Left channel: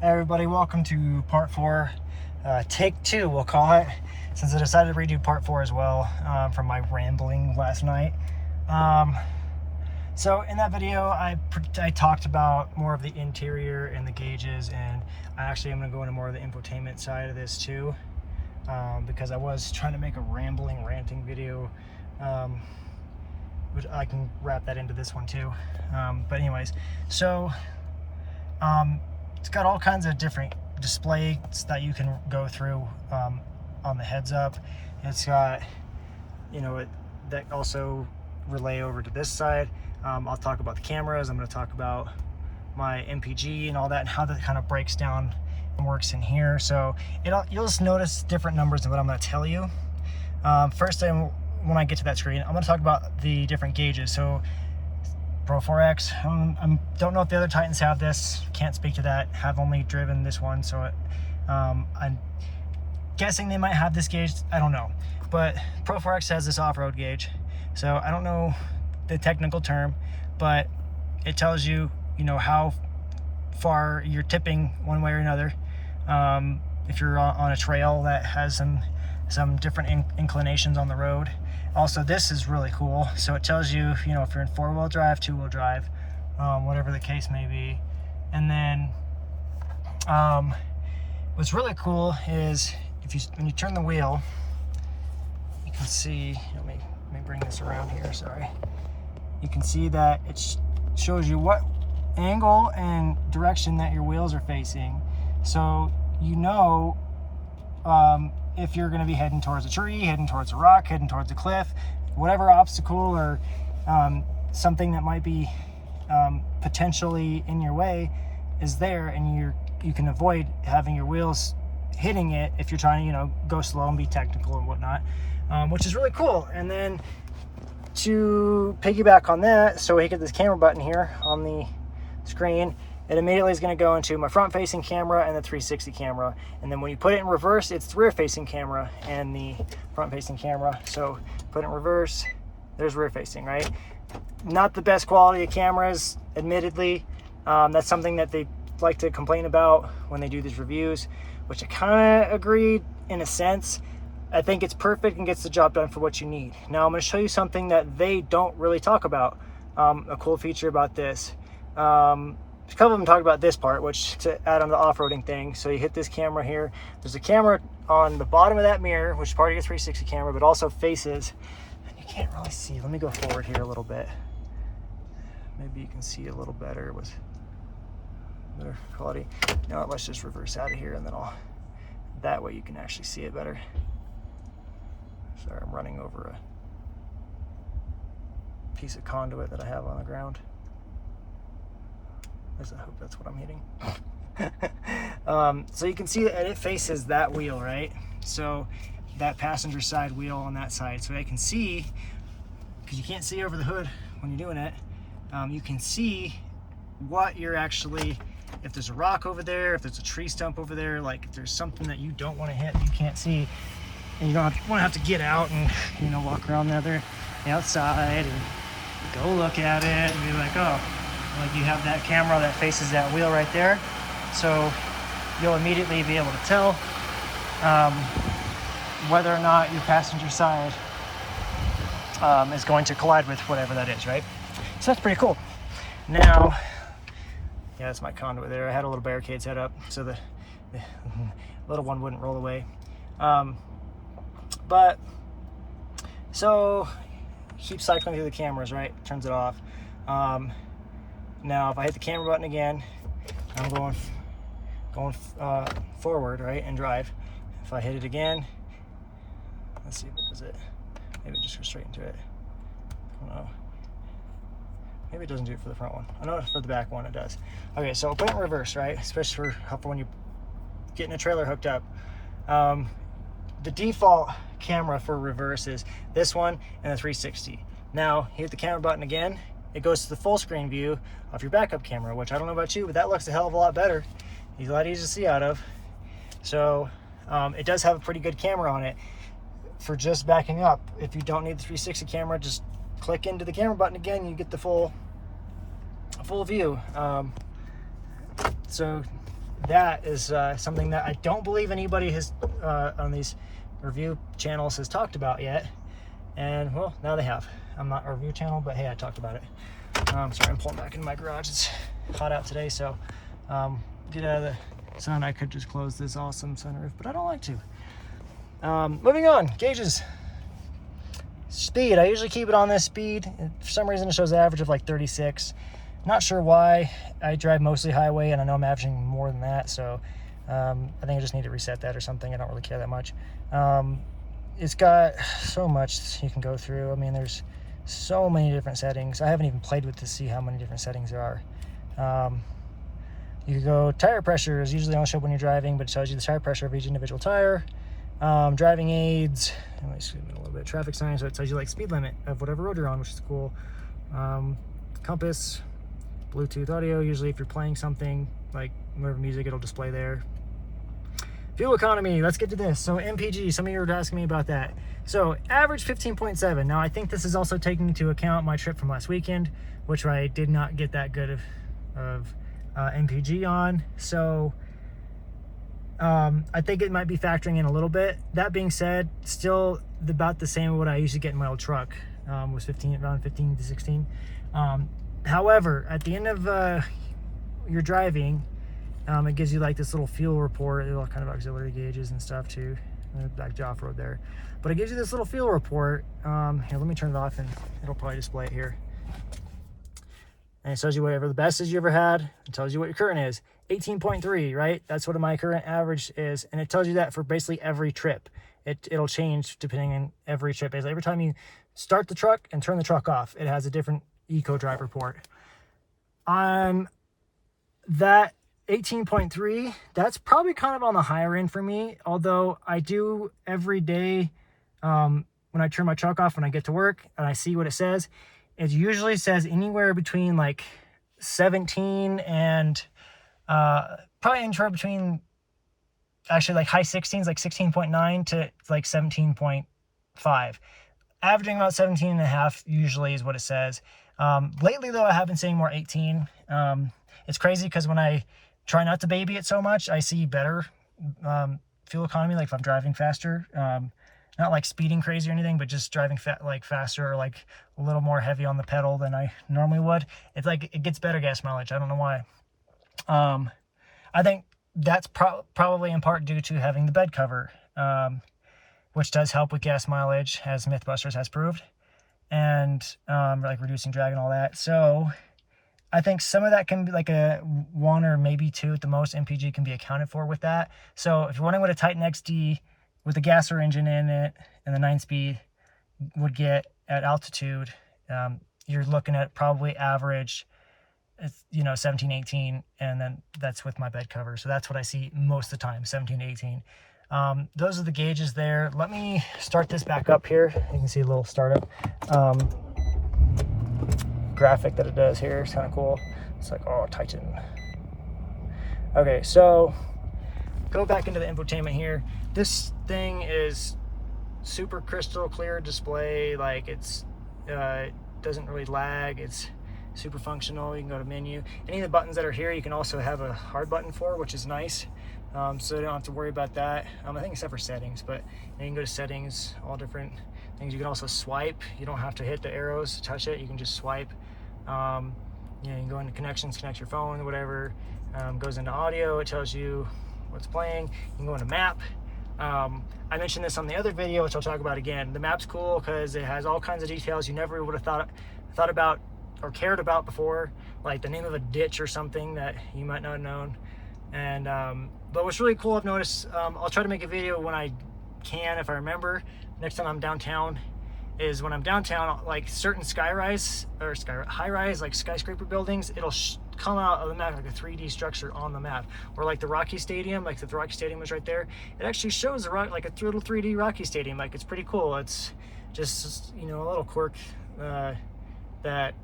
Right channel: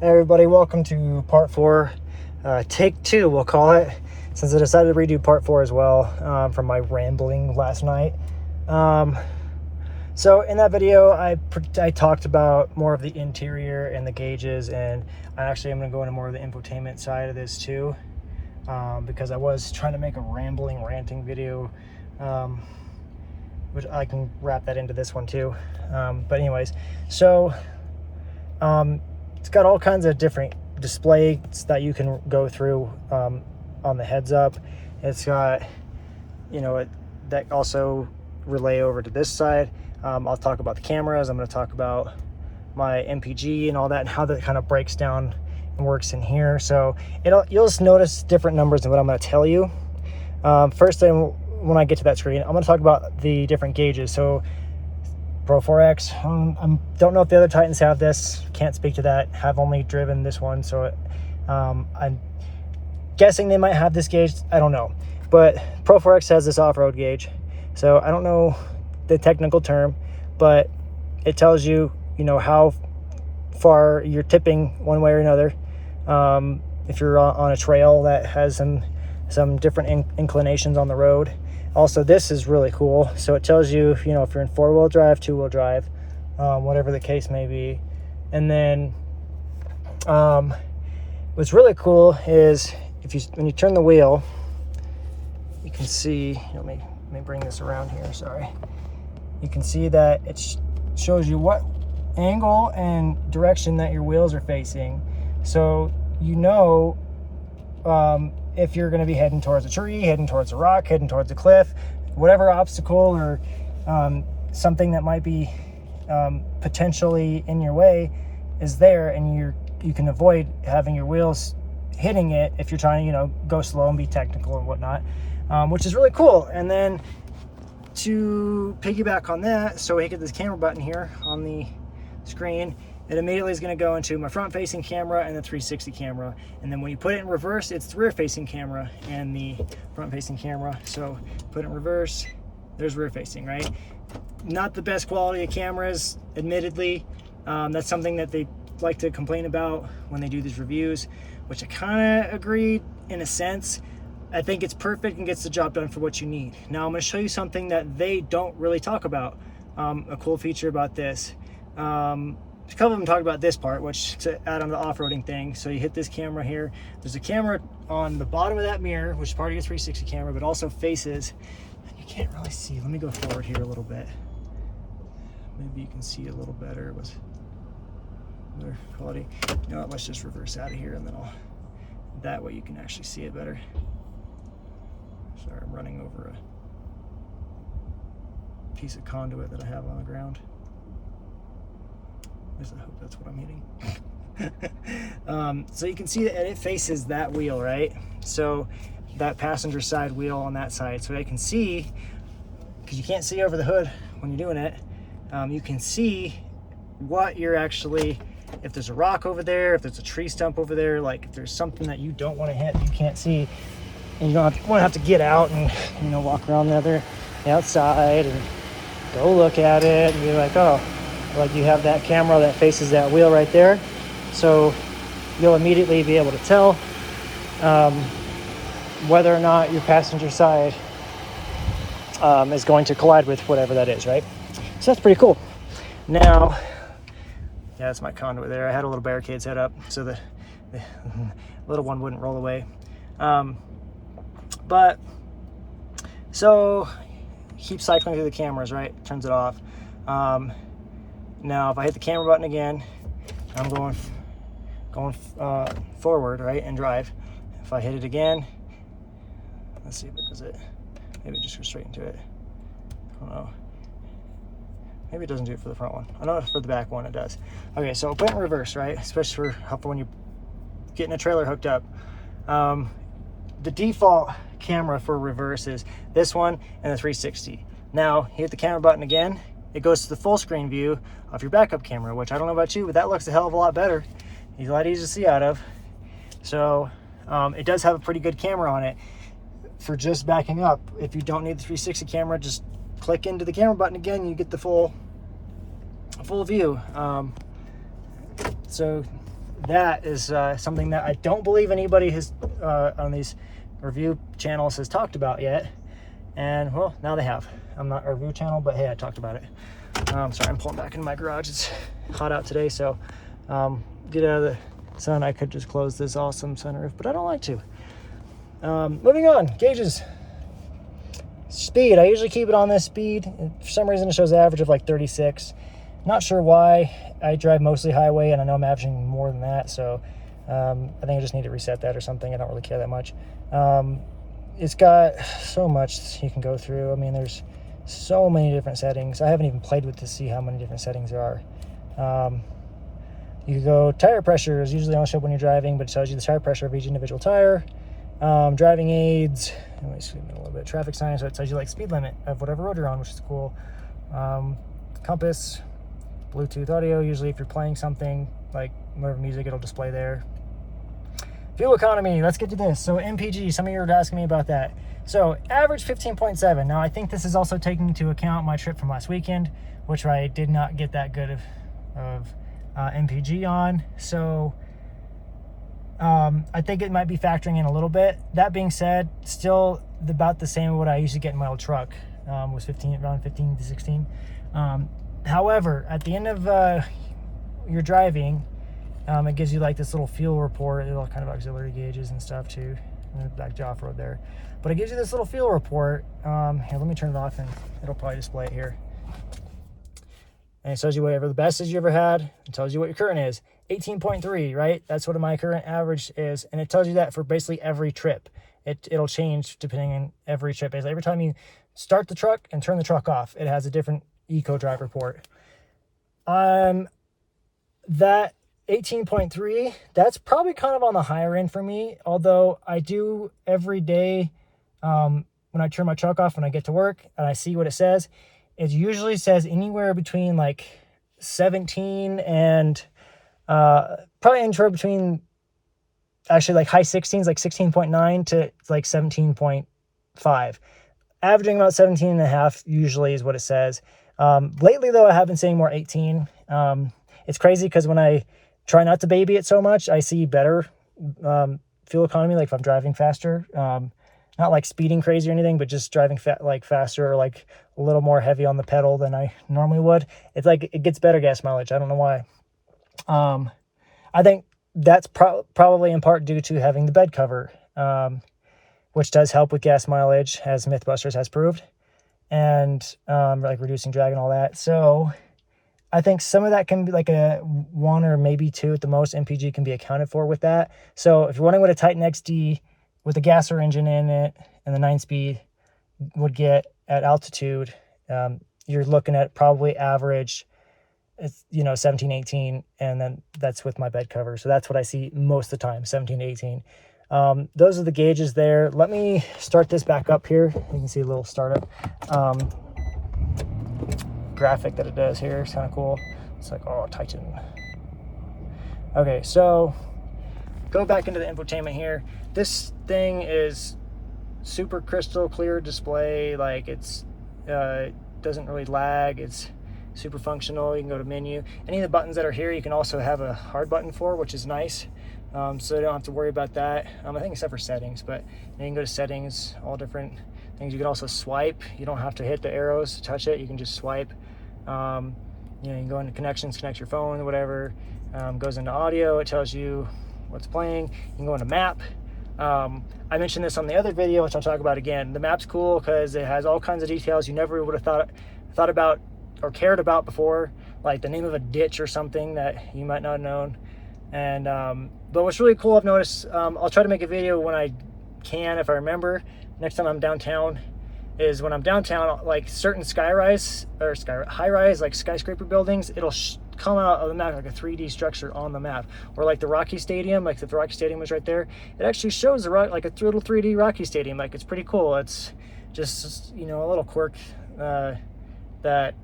Hey everybody, welcome to part 4, take 2 we'll call it, since I decided to redo part 4 as well from my rambling last night. So in that video I talked about more of the interior and the gauges, and I actually am going to go into more of the infotainment side of this too, because I was trying to make a ranting video, which I can wrap that into this one too. But anyways, so it's got all kinds of different displays that you can go through on the heads up. It's got, you know, that also relay over to this side. I'll talk about the cameras. I'm going to talk about my MPG and all that, and how that kind of breaks down and works in here. So you'll just notice different numbers in what I'm going to tell you. First thing, when I get to that screen, I'm going to talk about the different gauges. So Pro4x, I don't know if the other Titans have this, can't speak to that, have only driven this one, so I'm guessing they might have this gauge, I don't know. But Pro4x has this off-road gauge, so I don't know the technical term, but it tells you, you know, how far you're tipping one way or another. If you're on a trail that has some different inclinations on the road. Also, this is really cool. So it tells you, you know, if you're in 4-wheel drive, 2-wheel drive, whatever the case may be. And then what's really cool is when you turn the wheel, you can see, let me bring this around here, sorry. You can see that it shows you what angle and direction that your wheels are facing. So you know if you're going to be heading towards a tree, heading towards a rock, heading towards a cliff, whatever obstacle or something that might be potentially in your way is there, and you can avoid having your wheels hitting it if you're trying to, you know, go slow and be technical and whatnot, which is really cool. And then to piggyback on that, so we get this camera button here on the screen, it immediately is going to go into my front facing camera and the 360 camera. And then when you put it in reverse, it's the rear facing camera and the front facing camera. So put it in reverse, there's rear facing, right? Not the best quality of cameras, admittedly. That's something that they like to complain about when they do these reviews, which I kind of agree in a sense. I think it's perfect and gets the job done for what you need. Now I'm going to show you something that they don't really talk about, a cool feature about this. A couple of them talk about this part, which to add on the off-roading thing. So you hit this camera here. There's a camera on the bottom of that mirror, which is part of your 360 camera, but also faces. You can't really see. Let me go forward here a little bit. Maybe you can see a little better with better quality. You know what? Let's just reverse out of here, and then that way you can actually see it better. Sorry, I'm running over a piece of conduit that I have on the ground. I hope that's what I'm hitting. So you can see that it faces that wheel, right? So that passenger side wheel on that side. So I can see, because you can't see over the hood when you're doing it, you can see what you're actually, if there's a rock over there, if there's a tree stump over there, like if there's something that you don't want to hit, you can't see, and you don't have to get out and, you know, walk around the outside and go look at it and be like, oh, like you have that camera that faces that wheel right there, so you'll immediately be able to tell whether or not your passenger side is going to collide with whatever that is, right? So that's pretty cool. Now, yeah, that's my conduit there. I had a little barricade set up so the little one wouldn't roll away. But so keep cycling through the cameras, right? Turns it off. Now if I hit the camera button again, I'm going forward, right, and drive. If I hit it again, let's see, what is it? Maybe just go straight into it. I don't know. Maybe it doesn't do it for the front one. I know for the back one it does. Okay, so I'll put it in reverse, right? Especially for when you're getting a trailer hooked up. The default camera for reverse is this one and the 360. Now, hit the camera button again, it goes to the full screen view of your backup camera, which I don't know about you, but that looks a hell of a lot better. It's a lot easier to see out of. So it does have a pretty good camera on it for just backing up. If you don't need the 360 camera, just click into the camera button again, you get the full view. So that is something that I don't believe anybody has on these review channels has talked about yet. And well, now they have. I'm not a review channel, but hey, I talked about it. Sorry, I'm pulling back into my garage. It's hot out today, so get out of the sun. I could just close this awesome sunroof, but I don't like to. Moving on, gauges. Speed, I usually keep it on this speed. For some reason it shows an average of like 36. Not sure why. I drive mostly highway and I know I'm averaging more than that, so I think I just need to reset that or something. I don't really care that much. It's got so much you can go through. I mean, there's so many different settings. I haven't even played with to see how many different settings there are. You could go tire pressure is usually on show when you're driving, but it tells you the tire pressure of each individual tire. Driving aids, let me zoom in a little bit. Traffic signs, so it tells you like speed limit of whatever road you're on, which is cool. Compass, Bluetooth audio, usually if you're playing something like whatever music, it'll display there. Fuel economy, let's get to this. So MPG, some of you were asking me about that. So average 15.7. Now I think this is also taking into account my trip from last weekend, which I did not get that good of MPG on. So I think it might be factoring in a little bit. That being said, still about the same as what I used to get in my old truck, was around 15 to 16. However, at the end of your driving, it gives you like this little fuel report, little kind of auxiliary gauges and stuff too, back to off-road there. But it gives you this little fuel report. Here, let me turn it off and it'll probably display it here. And it tells you whatever the best is you ever had. It tells you what your current is. 18.3, right? That's what my current average is. And it tells you that for basically every trip. It'll change depending on every trip. Every time you start the truck and turn the truck off, it has a different eco drive report. That 18.3, that's probably kind of on the higher end for me, although I do every day when I turn my truck off when I get to work and I see what it says. It usually says anywhere between like 17 and probably anywhere between actually like high 16s, like 16.9 to like 17.5. Averaging about 17 and a half usually is what it says. Lately though, I have been seeing more 18. It's crazy because when I try not to baby it so much, I see better fuel economy, like if I'm driving faster. Not like speeding crazy or anything, but just driving faster or like a little more heavy on the pedal than I normally would. It's like it gets better gas mileage. I don't know why. I think that's probably in part due to having the bed cover, which does help with gas mileage, as Mythbusters has proved, and like reducing drag and all that. So I think some of that can be like a 1 or maybe 2 at the most MPG can be accounted for with that. So if you're wondering what a Titan XD with a gasser engine in it and the 9-speed would get at altitude, you're looking at probably average, it's 17, 18, and then that's with my bed cover. So that's what I see most of the time, 17 to 18. Those are the gauges there. Let me start this back up here. You can see a little startup graphic that it does here. It's kind of cool. It's like, oh, Titan. Okay, so go back into the infotainment here. This thing is super crystal clear display. Like it doesn't really lag. It's super functional. You can go to menu. Any of the buttons that are here, you can also have a hard button for, which is nice. So you don't have to worry about that. I think except for settings, but you can go to settings, all different things. You can also swipe. You don't have to hit the arrows to touch it. You can just swipe. You can go into connections, connect your phone, whatever. Goes into audio. It tells you what's playing. You can go into map. I mentioned this on the other video, which I'll talk about again. The map's cool because it has all kinds of details you never would have thought about or cared about before, like the name of a ditch or something that you might not have known. And but what's really cool, I've noticed, I'll try to make a video when I can, if I remember, next time I'm downtown, is when I'm downtown, like certain high-rise, like skyscraper buildings, it'll come out of the map like a 3D structure on the map. Or like the Rocky Stadium, like if the Rocky Stadium was right there, it actually shows like a little 3D Rocky Stadium. Like it's pretty cool. It's just, a little quirk that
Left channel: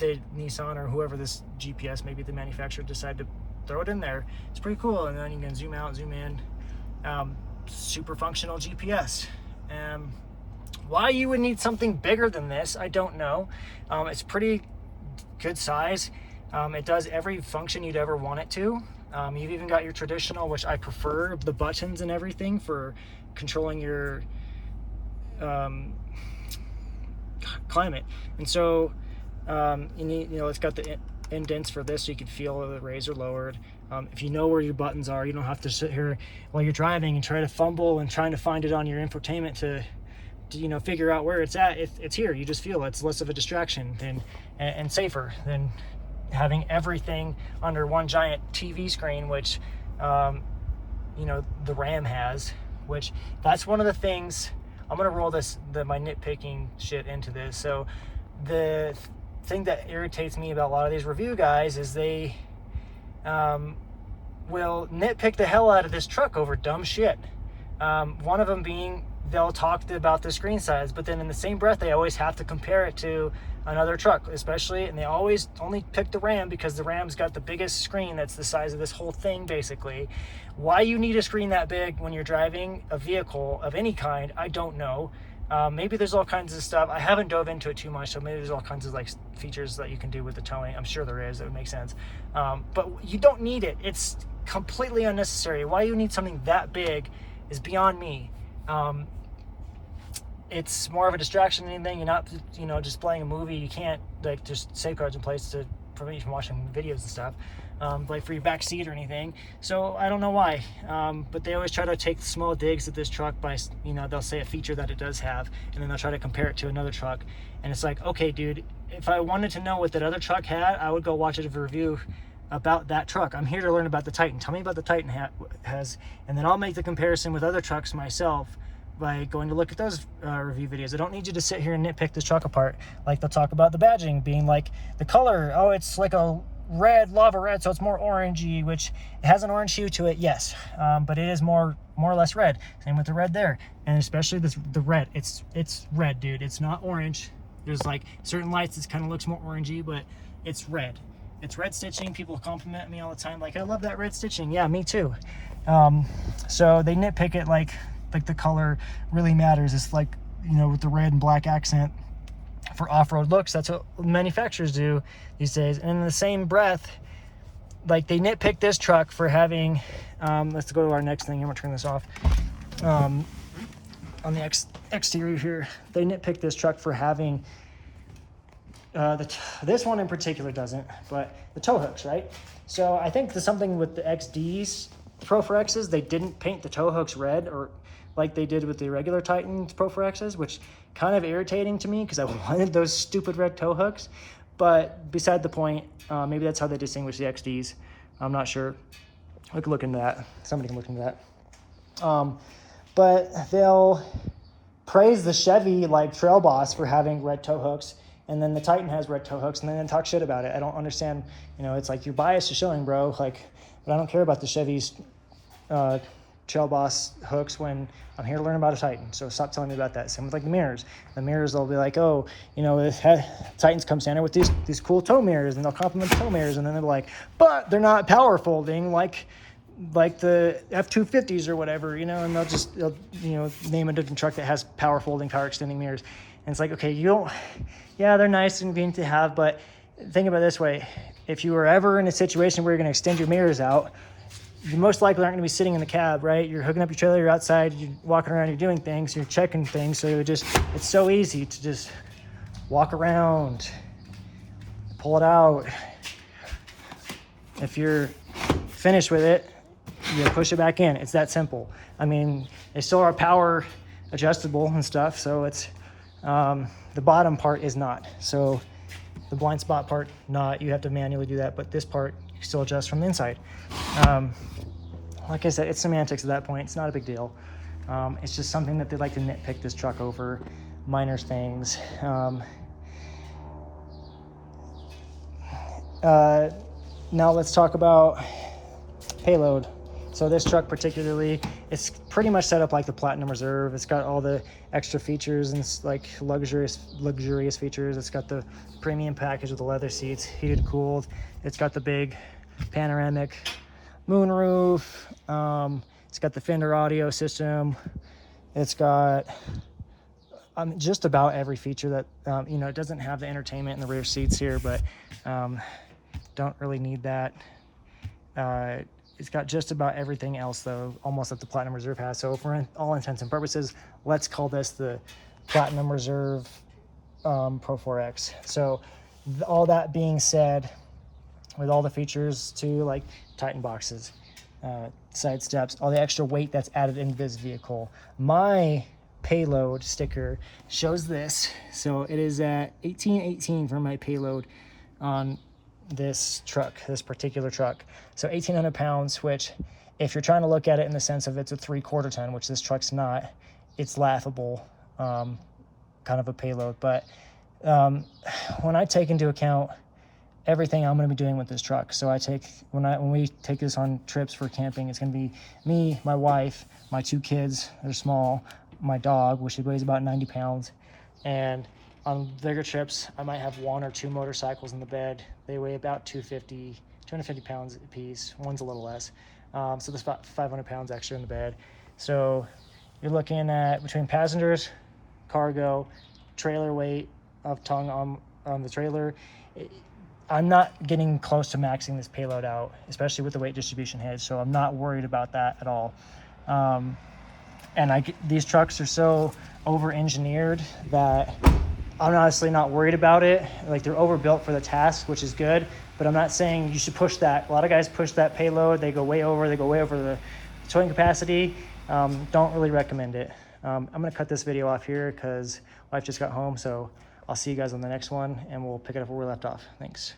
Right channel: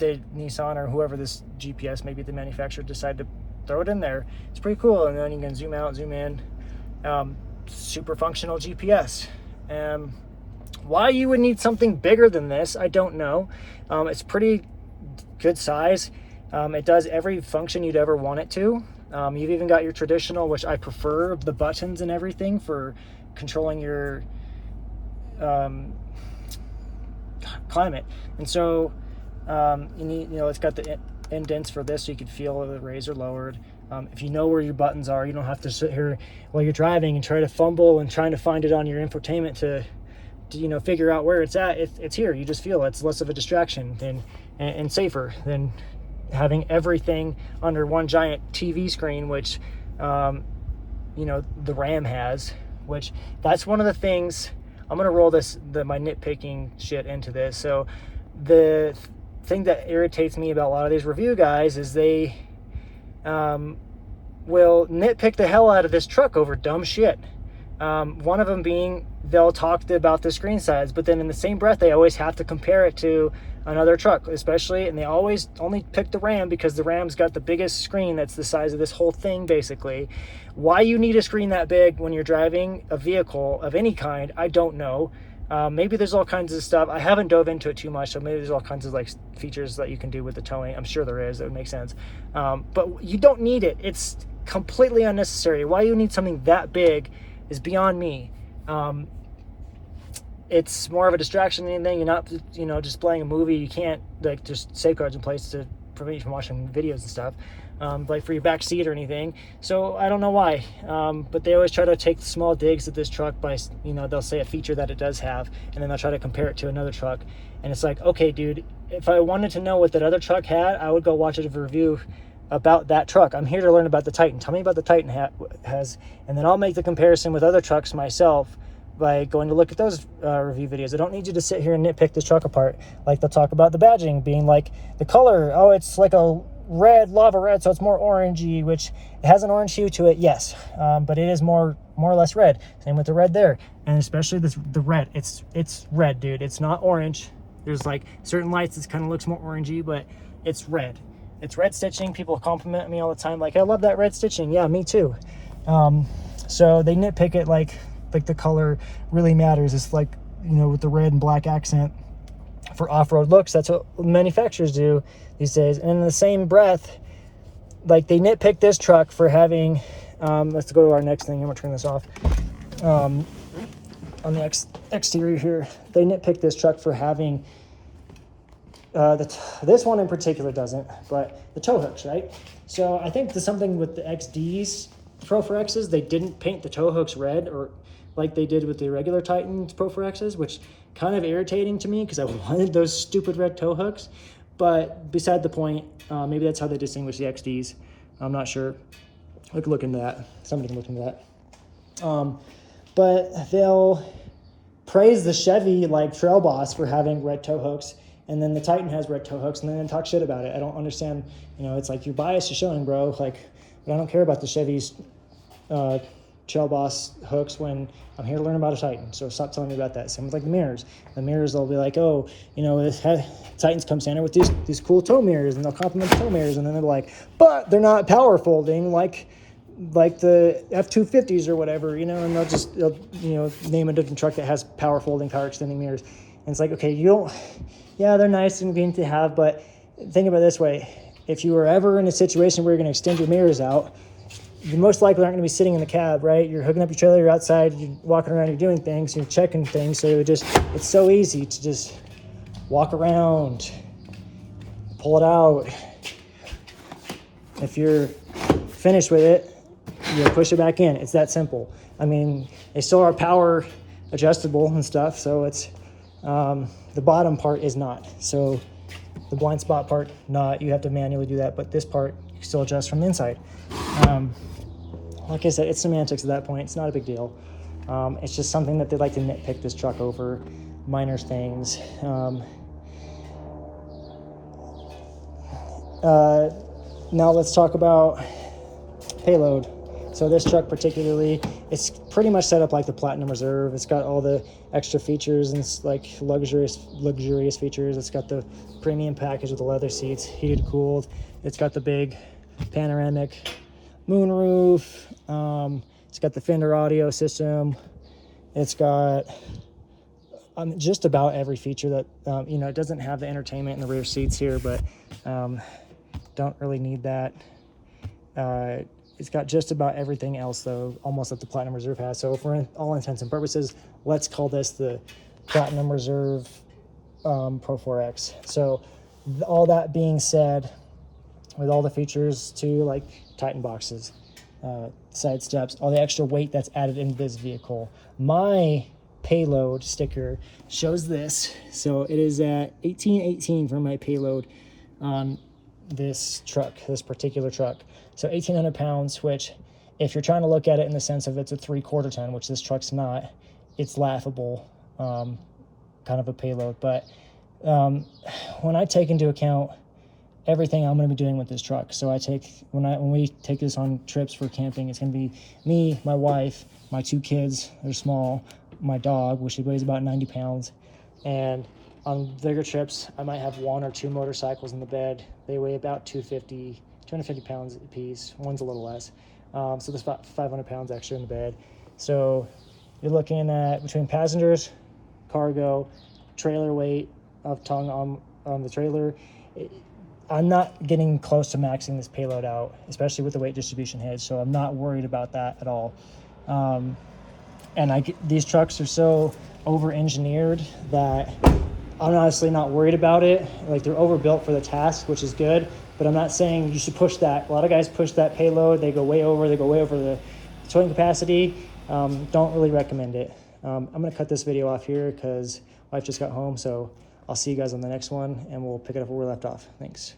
Nissan or whoever this GPS, maybe the manufacturer, decided to throw it in there. It's pretty cool. And then you can zoom out, zoom in. Super functional GPS. Why you would need something bigger than this, I don't know. It's pretty good size. It does every function you'd ever want it to. You've even got your traditional, which I prefer, the buttons and everything for controlling your climate. And so it's got the indents for this, so you can feel the raised or lowered. If you know where your buttons are, you don't have to sit here while you're driving and try to fumble and trying to find it on your infotainment to figure out where it's at. It's here. You just feel it. It's less of a distraction and safer than having everything under one giant TV screen, which the RAM has. Which that's one of the things. I'm gonna roll my nitpicking shit into this. So the thing that irritates me about a lot of these review guys is they will nitpick the hell out of this truck over dumb shit. One of them being they'll talk about the screen size, but then in the same breath they always have to compare it to another truck, especially, and they always only pick the Ram because the Ram's got the biggest screen that's the size of this whole thing basically. Why you need a screen that big when you're driving a vehicle of any kind, I don't know. Maybe there's all kinds of stuff. I haven't dove into it too much, so maybe there's all kinds of like features that you can do with the towing. I'm sure there is. That would make sense. But you don't need it. It's completely unnecessary. Why you need something that big is beyond me. It's more of a distraction than anything. You're not, just playing a movie. You can't like just safeguards in place to prevent you from watching videos and stuff, like for your back seat or anything. So I don't know why, but they always try to take small digs at this truck by, they'll say a feature that it does have, and then they'll try to compare it to another truck. And it's like, okay, dude, if I wanted to know what that other truck had, I would go watch a review about that truck. I'm here to learn about the Titan. Tell me about the Titan has, and then I'll make the comparison with other trucks myself by going to look at those review videos. I don't need you to sit here and nitpick this truck apart. Like they'll talk about the badging being like the color. Oh, it's like a red, lava red, so it's more orangey, which it has an orange hue to it, yes, but it is more or less red. Same with the red there, and especially the red. It's red, dude. It's not orange. There's like certain lights that kind of looks more orangey, but it's red. It's red stitching. People compliment me all the time, like, I love that red stitching. Yeah, me too. So they nitpick it like the color really matters. It's like, with the red and black accent for off-road looks. That's what manufacturers do these days. And in the same breath, like they nitpick this truck for having, let's go to our next thing. I'm gonna turn this off. On the exterior here, they nitpick this truck for having this one in particular doesn't, but the tow hooks, right? So I think there's something with the XDs, Pro4x's, they didn't paint the tow hooks red, or like they did with the regular Titan Pro4x's, which kind of irritating to me because I wanted those stupid red tow hooks. But beside the point, maybe that's how they distinguish the XDs. I'm not sure. I could look into that. Somebody can look into that. But they'll praise the Chevy like Trail Boss for having red tow hooks, and then the Titan has red tow hooks, and then talk shit about it. I don't understand. It's like your bias is showing, bro. Like, but I don't care about the Chevy's Trail Boss hooks when I'm here to learn about a Titan. So stop telling me about that. Same with like the mirrors. The mirrors, they'll be like, oh, Titans come standard with these cool tow mirrors, and they'll compliment the tow mirrors, and then they're like, but they're not power folding like the F-250s or whatever, and they'll name a different truck that has power folding, power extending mirrors. And it's like, okay, yeah, they're nice and convenient to have, but think about it this way. If you were ever in a situation where you're going to extend your mirrors out, you most likely aren't going to be sitting in the cab, right? You're hooking up your trailer, you're outside, you're walking around, you're doing things, you're checking things. So it's so easy to just walk around, pull it out. If you're finished with it, you push it back in. It's that simple. I mean, they still are power adjustable and stuff, so it's the bottom part is not. So the blind spot part, not. You have to manually do that, but this part you can still adjust from the inside. Like I said, it's semantics at that point. It's not a big deal. It's just something that they like to nitpick this truck over, minor things. Now let's talk about payload. So this truck particularly, it's pretty much set up like the Platinum Reserve. It's got all the extra features and like luxurious features. It's got the premium package with the leather seats, heated, cooled. It's got the big panoramic moonroof. It's got the Fender audio system. It's got just about every feature that, it doesn't have the entertainment in the rear seats here, but Don't really need that. It's got just about everything else though, almost that the Platinum Reserve has. So for all intents and purposes, let's call this the Platinum Reserve Pro4x. So all that being said, with all the features too, like Titan boxes, side steps, all the extra weight that's added into this vehicle, my payload sticker shows this. So it is at 1818 for my payload on this truck, this particular truck. So 1,800 pounds, which if you're trying to look at it in the sense of it's a 3/4 ton, which this truck's not, it's laughable, kind of a payload. But when I take into account everything I'm going to be doing with this truck, so I take, when we take this on trips for camping, it's going to be me, my wife, my 2 kids, they're small, my dog, which weighs about 90 pounds, and on bigger trips, I might have 1 or 2 motorcycles in the bed. They weigh about 250 pounds a piece. One's a little less. So there's about 500 pounds extra in the bed. So you're looking at between passengers, cargo, trailer weight of tongue on the trailer. I'm not getting close to maxing this payload out, especially with the weight distribution head. So I'm not worried about that at all. And these trucks are so over-engineered that I'm honestly not worried about it. Like, they're overbuilt for the task, which is good, but I'm not saying you should push that. A lot of guys push that payload. They go way over the towing capacity. Don't really recommend it. I'm gonna cut this video off here because wife just got home, so I'll see you guys on the next one and we'll pick it up where we left off. Thanks.